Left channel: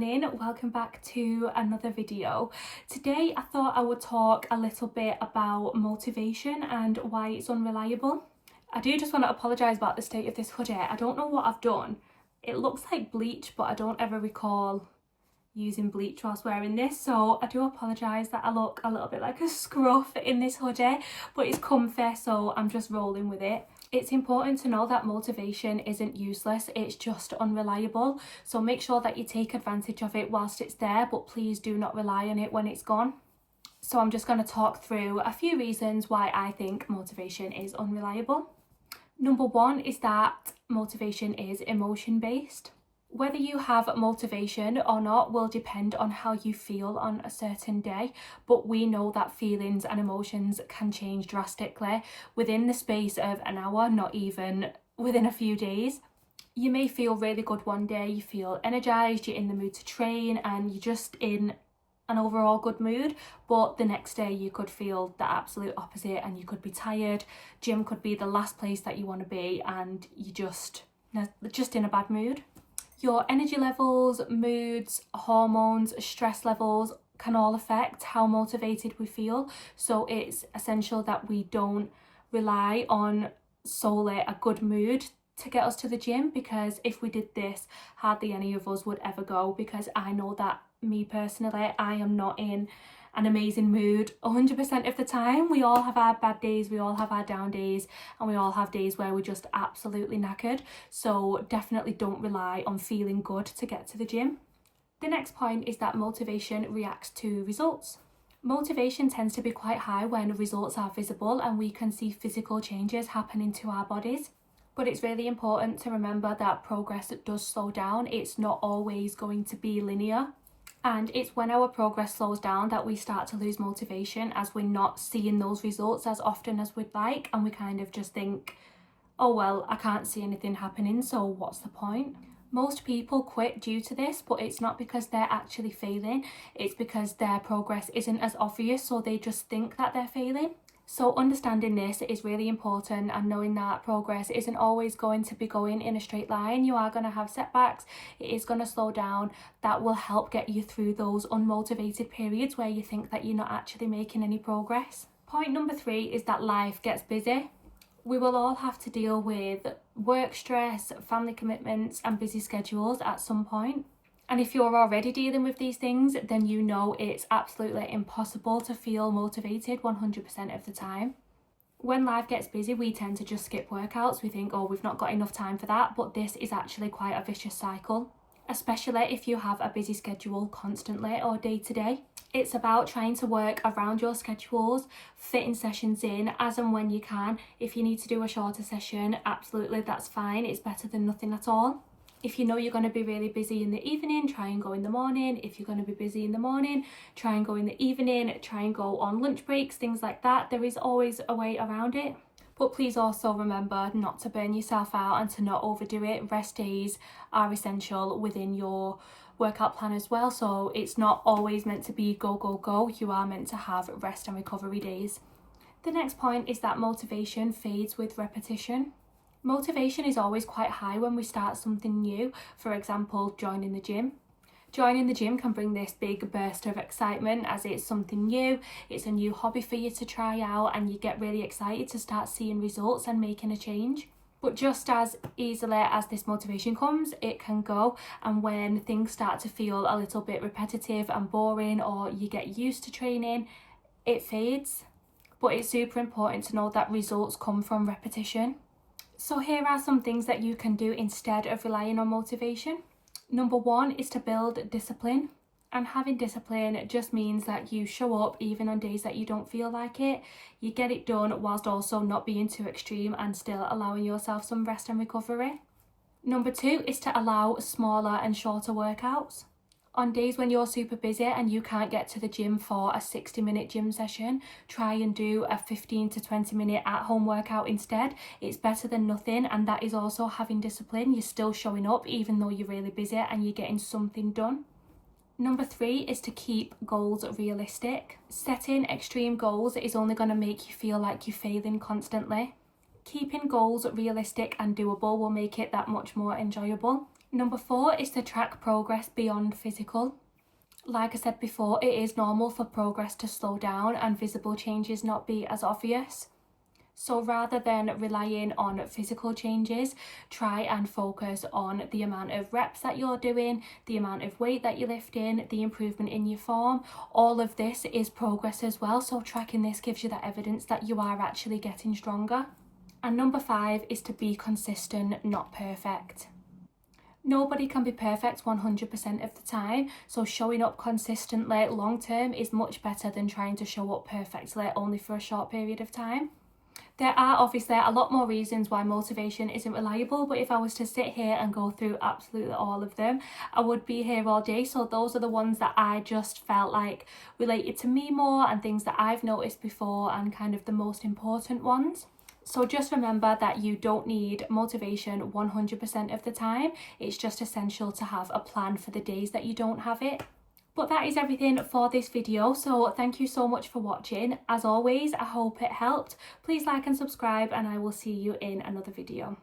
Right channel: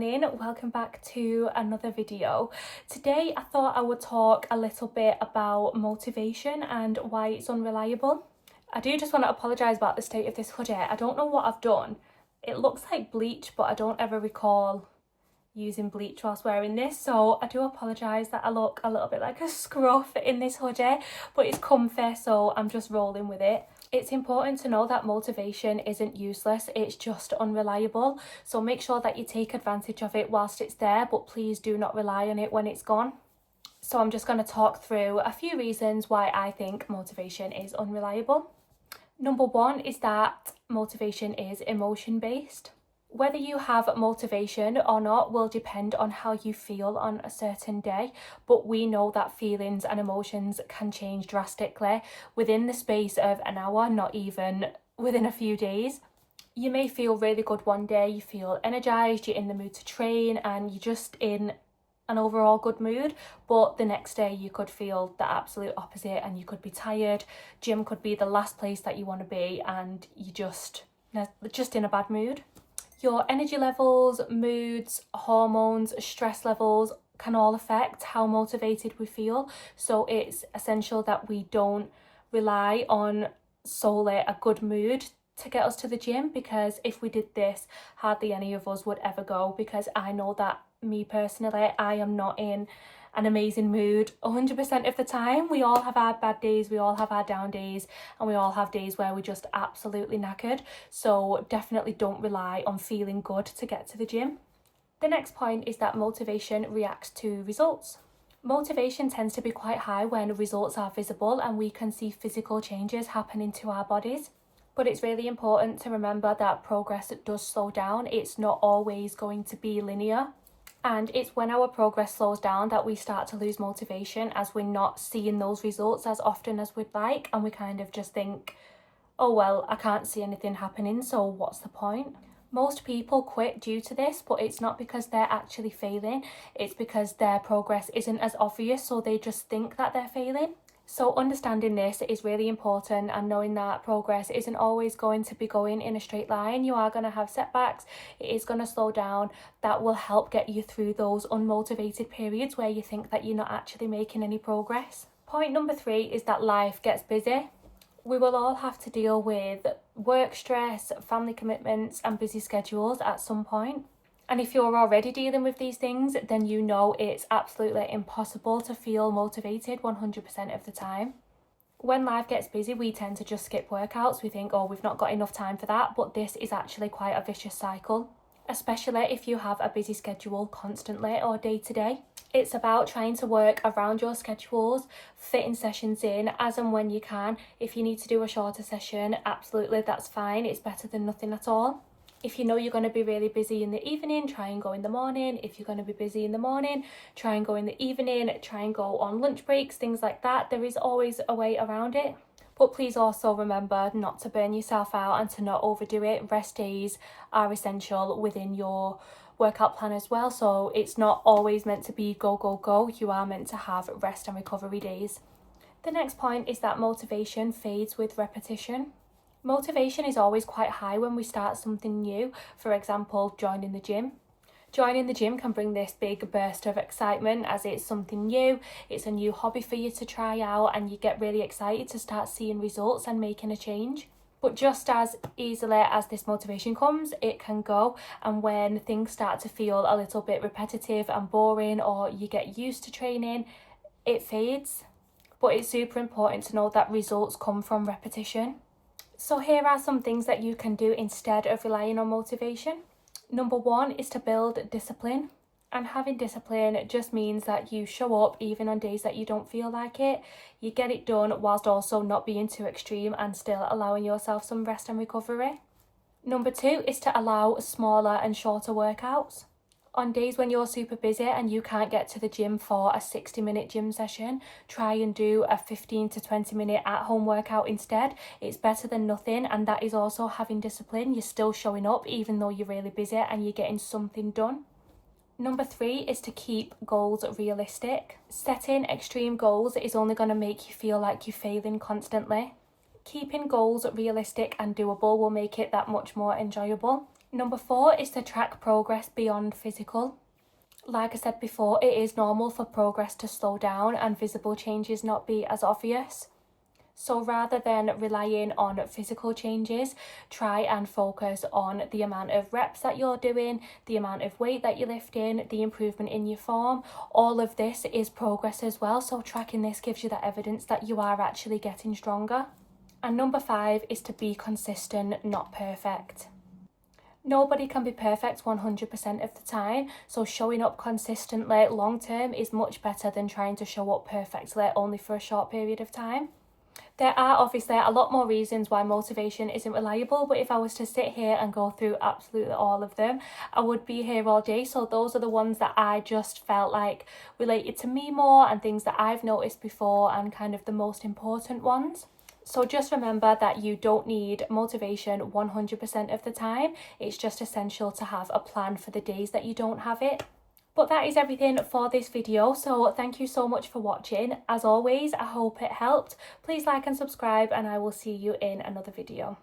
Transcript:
morning, welcome back to another video. Today I thought I would talk a little bit about motivation and why it's unreliable. I do just want to apologise about the state of this hoodie. I don't know what I've done. It looks like bleach, but I don't ever recall using bleach whilst wearing this, so I do apologise that I look a little bit like a scruff in this hoodie, but it's comfy, so I'm just rolling with it. It's important to know that motivation isn't useless, it's just unreliable, so make sure that you take advantage of it whilst it's there, but please do not rely on it when it's gone. So I'm just going to talk through a few reasons why I think motivation is unreliable. Number one is that motivation is emotion based. Whether you have motivation or not will depend on how you feel on a certain day, but we know that feelings and emotions can change drastically within the space of an hour, not even within a few days. You may feel really good one day, you feel energised, you're in the mood to train and you're just in an overall good mood, but the next day you could feel the absolute opposite and you could be tired. Gym could be the last place that you want to be and you're just in a bad mood. Your energy levels, moods, hormones, stress levels can all affect how motivated we feel. So it's essential that we don't rely on solely a good mood to get us to the gym, because if we did this, hardly any of us would ever go, because I know that me personally, I am not in an amazing mood 100% of the time. We all have our bad days, we all have our down days, and we all have days where we're just absolutely knackered. So definitely don't rely on feeling good to get to the gym. The next point is that motivation reacts to results. Motivation tends to be quite high when results are visible and we can see physical changes happening to our bodies. But it's really important to remember that progress does slow down. It's not always going to be linear. And it's when our progress slows down that we start to lose motivation, as we're not seeing those results as often as we'd like, and we kind of just think, oh well, I can't see anything happening, so what's the point? Most people quit due to this, but it's not because they're actually failing, it's because their progress isn't as obvious, so they just think that they're failing. So understanding this is really important, and knowing that progress isn't always going to be going in a straight line. You are going to have setbacks, it is going to slow down. That will help get you through those unmotivated periods where you think that you're not actually making any progress. Point number 3 is that life gets busy. We will all have to deal with work stress, family commitments and busy schedules at some point. And if you're already dealing with these things, then you know it's absolutely impossible to feel motivated 100% of the time. When life gets busy, we tend to just skip workouts. We think, oh, we've not got enough time for that. But this is actually quite a vicious cycle, especially if you have a busy schedule constantly or day to day. It's about trying to work around your schedules, fitting sessions in as and when you can. If you need to do a shorter session, absolutely, that's fine. It's better than nothing at all. If you know you're going to be really busy in the evening, try and go in the morning. If you're going to be busy in the morning, try and go in the evening, try and go on lunch breaks, things like that. There is always a way around it. But please also remember not to burn yourself out and to not overdo it. Rest days are essential within your workout plan as well. So it's not always meant to be go, go, go. You are meant to have rest and recovery days. The next point is that motivation fades with repetition. Motivation is always quite high when we start something new, for example, joining the gym. Joining the gym can bring this big burst of excitement as it's something new, it's a new hobby for you to try out, and you get really excited to start seeing results and making a change. But just as easily as this motivation comes, it can go, and when things start to feel a little bit repetitive and boring, or you get used to training, it fades. But it's super important to know that results come from repetition. So here are some things that you can do instead of relying on motivation. Number 1 is to build discipline. And having discipline just means that you show up even on days that you don't feel like it. You get it done whilst also not being too extreme and still allowing yourself some rest and recovery. Number 2 is to allow smaller and shorter workouts. On days when you're super busy and you can't get to the gym for a 60-minute gym session, try and do a 15 to 20-minute at-home workout instead. It's better than nothing, and that is also having discipline. You're still showing up even though you're really busy and you're getting something done. Number 3 is to keep goals realistic. Setting extreme goals is only going to make you feel like you're failing constantly. Keeping goals realistic and doable will make it that much more enjoyable. Number 4 is to track progress beyond physical. Like I said before, it is normal for progress to slow down and visible changes not be as obvious. So rather than relying on physical changes, try and focus on the amount of reps that you're doing, the amount of weight that you're lifting, the improvement in your form. All of this is progress as well. So tracking this gives you that evidence that you are actually getting stronger. And number 5 is to be consistent, not perfect. Nobody can be perfect 100% of the time, so showing up consistently long term is much better than trying to show up perfectly only for a short period of time. There are obviously a lot more reasons why motivation isn't reliable, but if I was to sit here and go through absolutely all of them, I would be here all day. So those are the ones that I just felt like related to me more and things that I've noticed before and kind of the most important ones. So just remember that you don't need motivation 100% of the time. It's just essential to have a plan for the days that you don't have it. But that is everything for this video. So thank you so much for watching. As always, I hope it helped. Please like and subscribe, and I will see you in another video.